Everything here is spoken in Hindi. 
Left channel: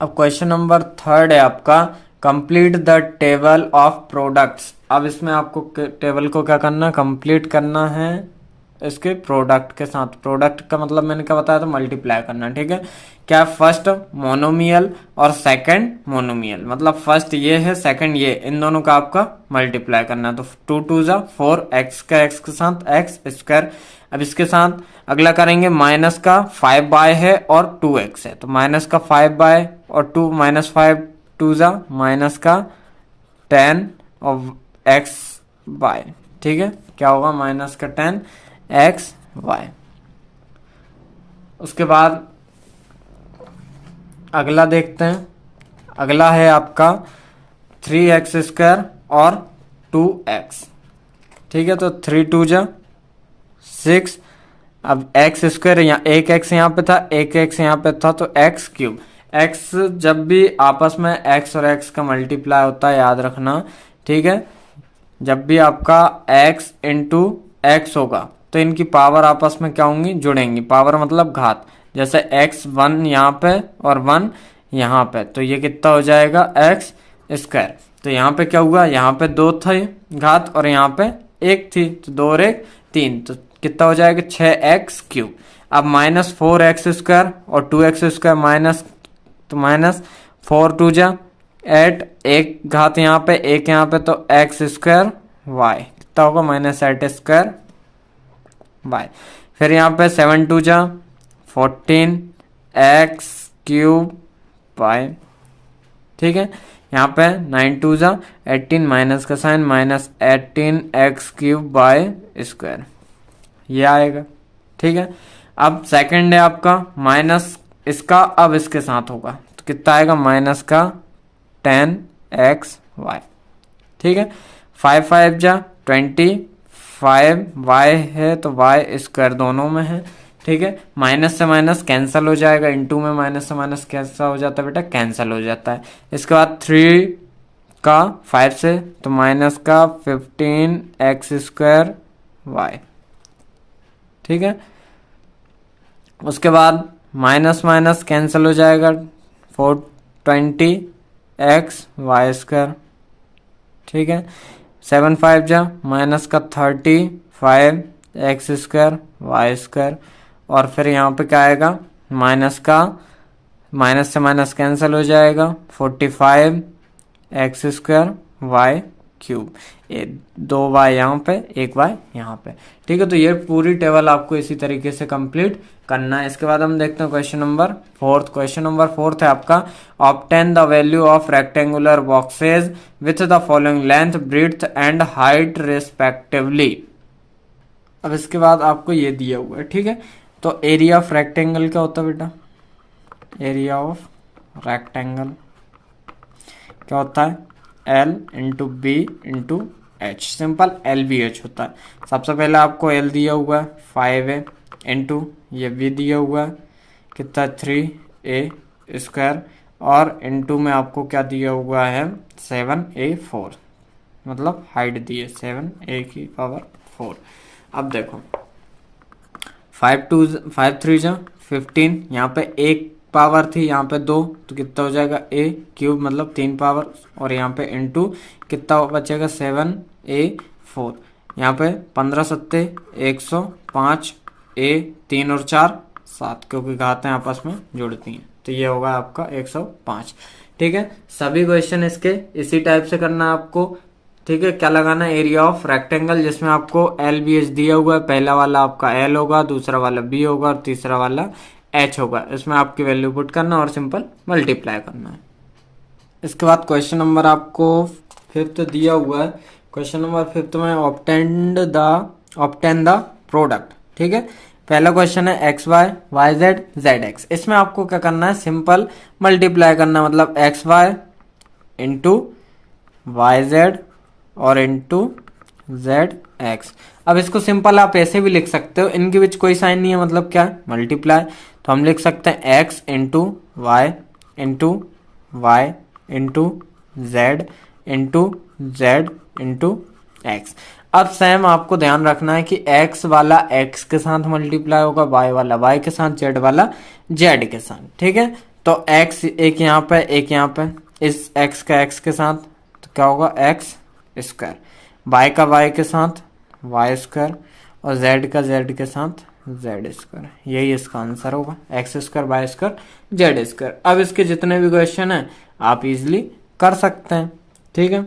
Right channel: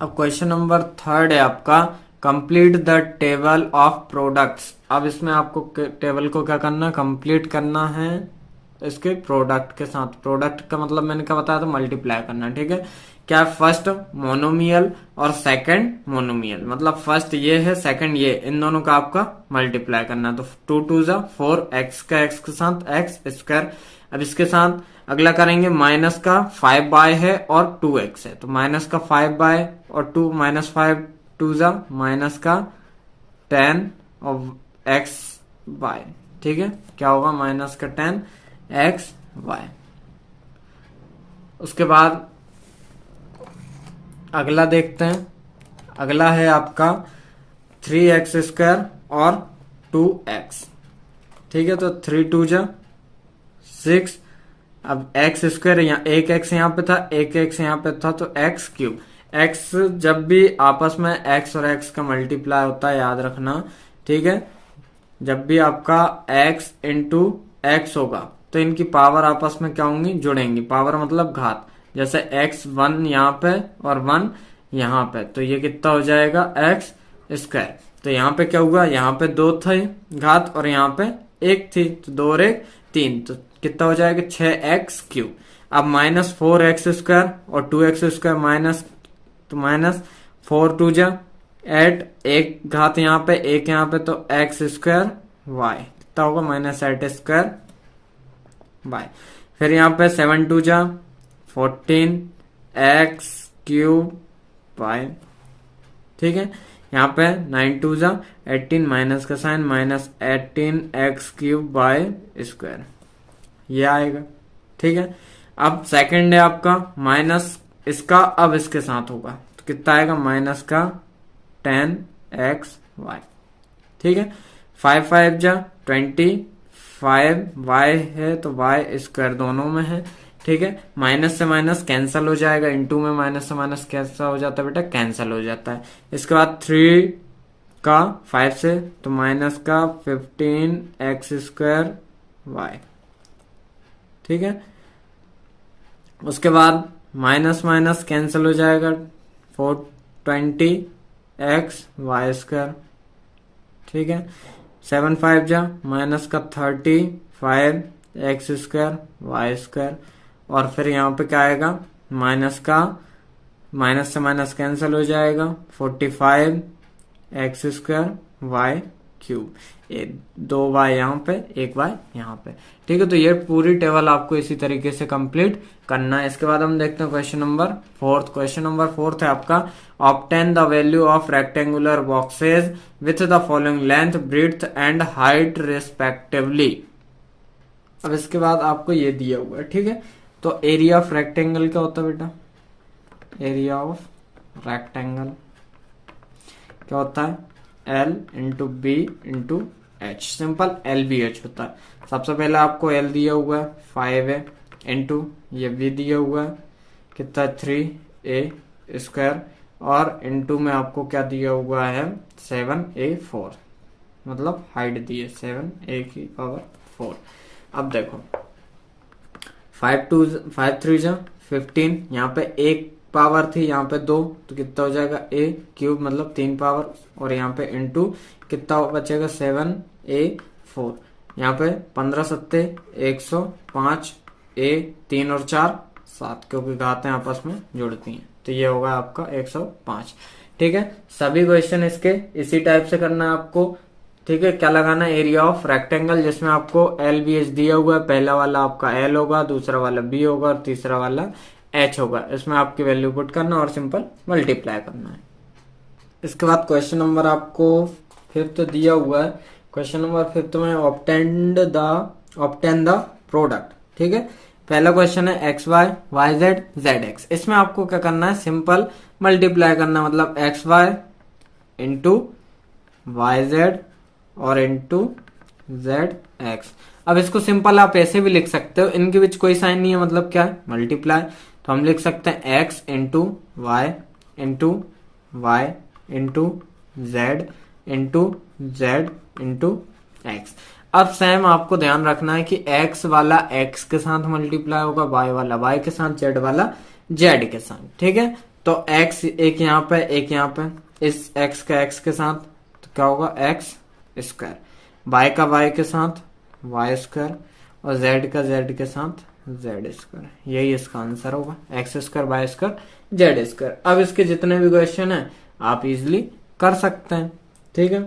अब क्वेश्चन नंबर 3 है आपका, complete the table of products. अब इसमें आपको टेबल को क्या करना है, कंप्लीट करना है इसके प्रोडक्ट के साथ। प्रोडक्ट का मतलब मैंने क्या बताया था, मल्टीप्लाई करना, ठीक है। क्या, फर्स्ट मोनोमियल और सेकंड मोनोमियल, मतलब फर्स्ट ये है, सेकंड ये, इन दोनों का आपका मल्टीप्लाई करना है। तो 2 2 जा 4, एक्स का एक्स के साथ एक्स स्क्वायर। अब इसके साथ अगला करेंगे, माइनस का 5y है और 2x है, तो माइनस का 5y और 2, माइनस 5 2 जा माइनस का 10 और एक्स वाई, ठीक है। क्या होगा, माइनस का 10 एक्स वाई। उसके बाद अगला देखते हैं, अगला है आपका 3x स्क्वायर और 2x, ठीक है। तो 3 2 जा 6, अब एक्स स्क्वायर, यहाँ एक एक्स यहाँ पे था, एक एक्स यहाँ पे था, तो एक्स क्यूब। एक्स जब भी आपस में एक्स और एक्स का मल्टीप्लाई होता है, याद रखना, ठीक है। जब भी आपका एक्स इंटू एक्स होगा तो इनकी पावर आपस में क्या होंगी, जुड़ेंगी। पावर मतलब घात, जैसे एक्स 1 यहाँ पे और 1 यहाँ पे, तो ये कितना हो जाएगा, एक्स स्क्वायर। तो यहाँ पे क्या हुआ, यहाँ पे 2 थे घात और यहाँ पे 1 थी, तो 2 और 1 3, तो कितना हो जाएगा, 6x क्यूब। अब माइनस 4x स्क्वायर और 2x स्क्वायर माइनस, तो माइनस 4 2 जा 8, एक घात यहाँ पे एक यहाँ पे, तो x स्क्वायर y कितना होगा, माइनस 8 स्क्वायर y। फिर यहाँ पे 7 2 जा 14 x क्यूब y, ठीक है। यहाँ पे 9 2 जा 18, माइनस का साइन, minus 18 x cube by square, ये आएगा, ठीक है। अब सेकंड है आपका माइनस इसका, अब इसके साथ होगा तो कितना आएगा, माइनस का 10 एक्स वाई, ठीक है। 5 5 जा 25, वाई है तो वाई स्क्वायर दोनों में है, ठीक है। माइनस से माइनस कैंसिल हो जाएगा, इनटू में माइनस से माइनस कैसा हो जाता है बेटा, कैंसिल हो जाता है। इसके बाद 3 का 5 से, तो माइनस का 15 एक्स स्क्वायर वाई, ठीक है। उसके बाद माइनस माइनस कैंसिल हो जाएगा, 420 एक्स वाई स्क्वायर, ठीक है। 7 5 जा माइनस का 35 एक्स स्क्वायर वाई स्क्वायर, और फिर यहाँ पे क्या आएगा, माइनस का, माइनस से माइनस कैंसिल हो जाएगा, 45 x square y cube. 2 y यहाँ पे, 1 वाई यहाँ पे, ठीक है। तो ये पूरी टेबल आपको इसी तरीके से कंप्लीट करना है। इसके बाद हम देखते हैं क्वेश्चन नंबर 4। क्वेश्चन नंबर 4 है आपका, obtain the value of rectangular boxes with the following length, breadth and height respectively. अब इसके बाद आपको ये दिया हुआ है, ठीक है। तो एरिया ऑफ रेक्टेंगल क्या होता है बेटा, एरिया ऑफ रेक्टेंगल क्या होता है, L into b into h, simple LBH होता है। सबसे पहले आपको L दिया हुआ है 5 है, इंटू ये B दिया हुआ है कितना, 3A स्क्वायर, और इंटू में आपको क्या दिया हुआ है, 7A4, मतलब हाइट दी है 7A की पावर 4। अब देखो 5 3 जा 15, यहाँ पे एक पावर थी, यहाँ पे 2, तो कितना हो जाएगा, A क्यूब, मतलब 3 पावर, और यहाँ पे इंटू कितना बचेगा, 7A4। यहाँ पे 15 सत्ते 105, A 3 और 4 7, क्योंकि घातें आपस में जुड़ती हैं, तो ये होगा आपका 105, ठीक है। सभी क्वेश्चन इसके इसी टाइप से करना है आपको, ठीक है। क्या लगाना है, एरिया ऑफ रेक्टेंगल, जिसमें आपको LBH दिया हुआ है। पहला वाला आपका L होगा, दूसरा वाला B होगा और तीसरा वाला H होगा। इसमें आपकी वैल्यू पुट करना और सिंपल मल्टीप्लाई करना है। इसके बाद क्वेश्चन नंबर आपको 5th दिया हुआ है। क्वेश्चन नंबर 5th में ऑब्टेन द प्रोडक्ट, ठीक है। पहला क्वेश्चन है x y y z z x. इसमें आपको क्या करना है, सिंपल मल्टीप्लाई करना, मतलब x y into y z और इंटू जेड एक्स। अब इसको सिंपल आप ऐसे भी लिख सकते हो, इनके बीच कोई साइन नहीं है, मतलब क्या, मल्टीप्लाई। तो हम लिख सकते हैं x into y into y into z into z into x. अब सेम आपको ध्यान रखना है कि x वाला x के साथ मल्टीप्लाई होगा, y वाला y के साथ, z वाला z के साथ, ठीक है। तो x एक यहाँ पे एक यहाँ पे, इस x का x के साथ तो क्या होगा x स्क्वायर, y का y के साथ y स्क्वायर और z का z के साथ z स्क्वायर। यही इसका आंसर होगा, x square y square z square. अब इसके जितने भी क्वेश्चन हैं आप इजीली कर सकते हैं। ठीक है।